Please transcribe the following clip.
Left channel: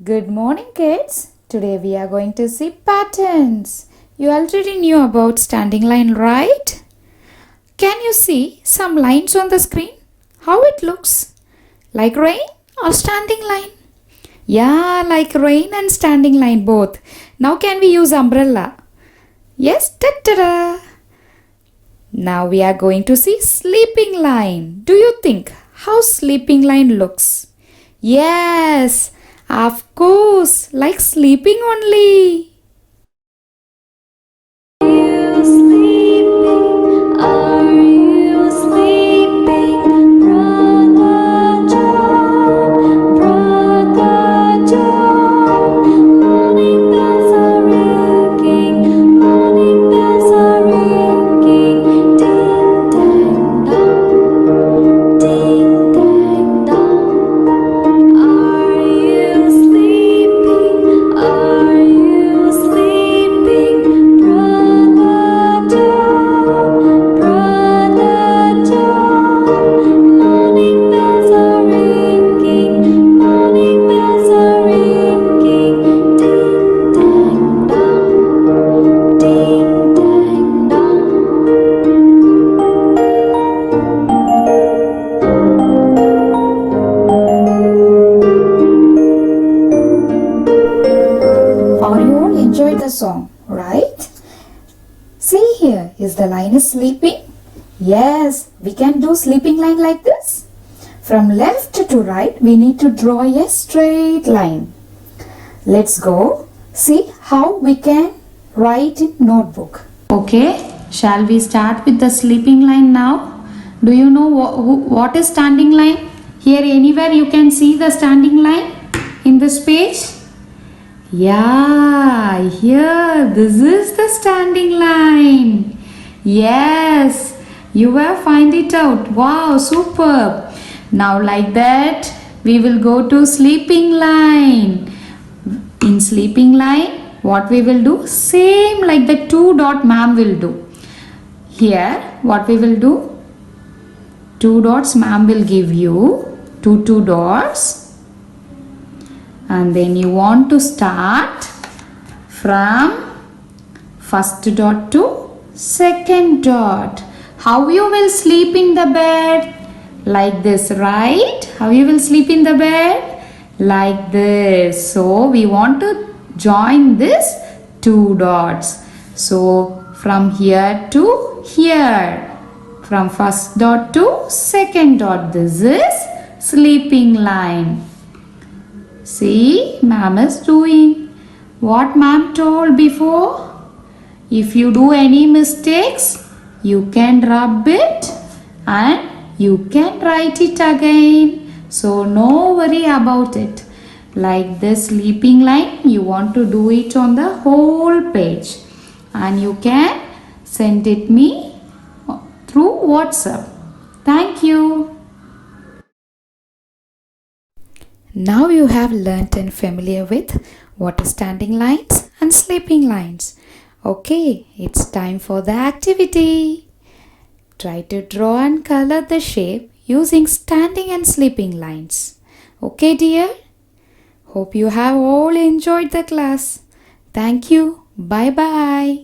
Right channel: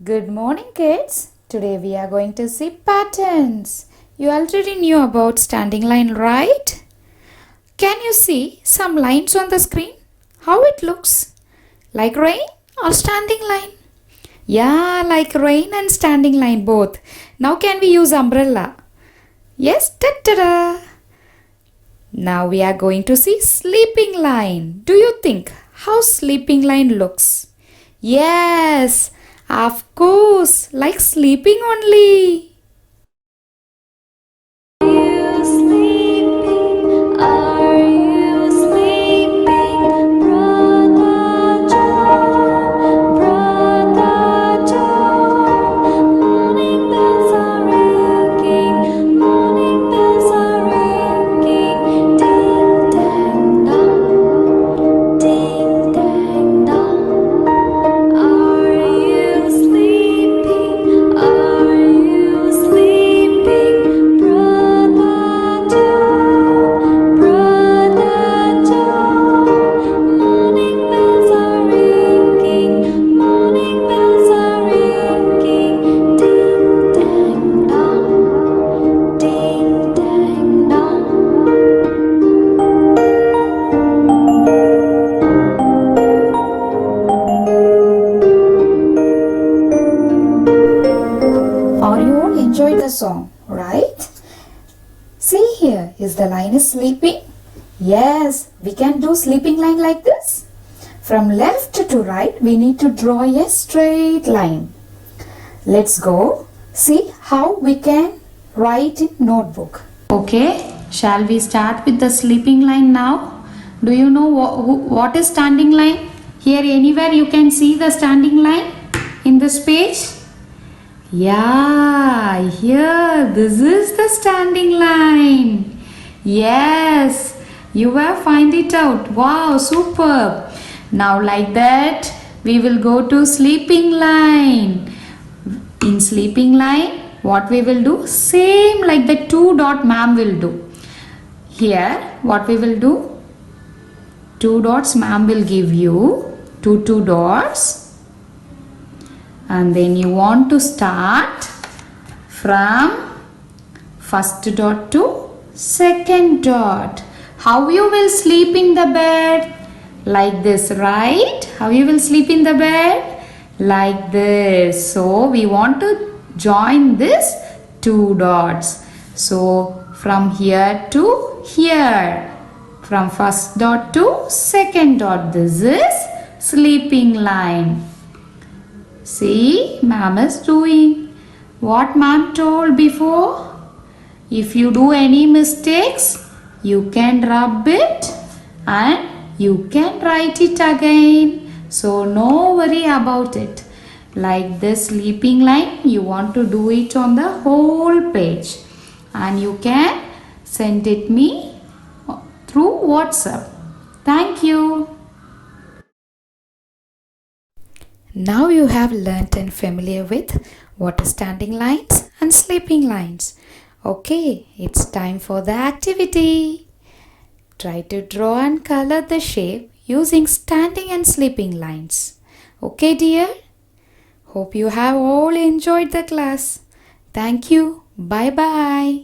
Good morning, kids. Today we are going to see patterns. You already knew about standing line, right? Can you see some lines on the screen? How it looks? Like rain or standing line? Yeah, like rain and standing line both. Now can we use umbrella? Yes, ta-da! Now we are going to see sleeping line. Do you think how sleeping line looks? Yes, of course, like sleeping only. Are you sleeping? Are you sleeping? Brother John, Brother John. Morning bells are ringing, morning bells are ringing. Ding dang dong, ding dang dong. Are you sleeping? Are you sleeping? Brother John, Brother John. Morning bells are ringing, morning bells are ringing. Ding dang dong, ding dang dong. Or you all enjoyed the song, right? See here, is the line is sleeping? Yes, we can do sleeping line like this. From left to right, we need to draw a straight line. Let's go see how we can write in notebook. Okay, shall we start with the sleeping line now? Do you know what is standing line? Here anywhere you can see the standing line in this page? Yeah, here, this is the standing line. Yes, you will find it out. Wow, superb. Now like that, we will go to sleeping line. In sleeping line, what we will do? Same like the two dot ma'am will do. Here, what we will do? Two dots ma'am will give you. Two dots. And then you want to start from first dot to second dot. How you will sleep in the bed? Like this, right? How you will sleep in the bed? Like this. So we want to join this two dots. So from here to here. From first dot to second dot. This is sleeping line. See, ma'am is doing what ma'am told before. If you do any mistakes, you can rub it and you can write it again. So no worry about it. Like this sleeping line, you want to do it on the whole page. And you can send it me through WhatsApp. Thank you. Now you have learnt and familiar with what is standing lines and sleeping lines. Okay, it's time for the activity. Try to draw and color the shape using standing and sleeping lines. Okay, dear? Hope you have all enjoyed the class. Thank you. Bye-bye.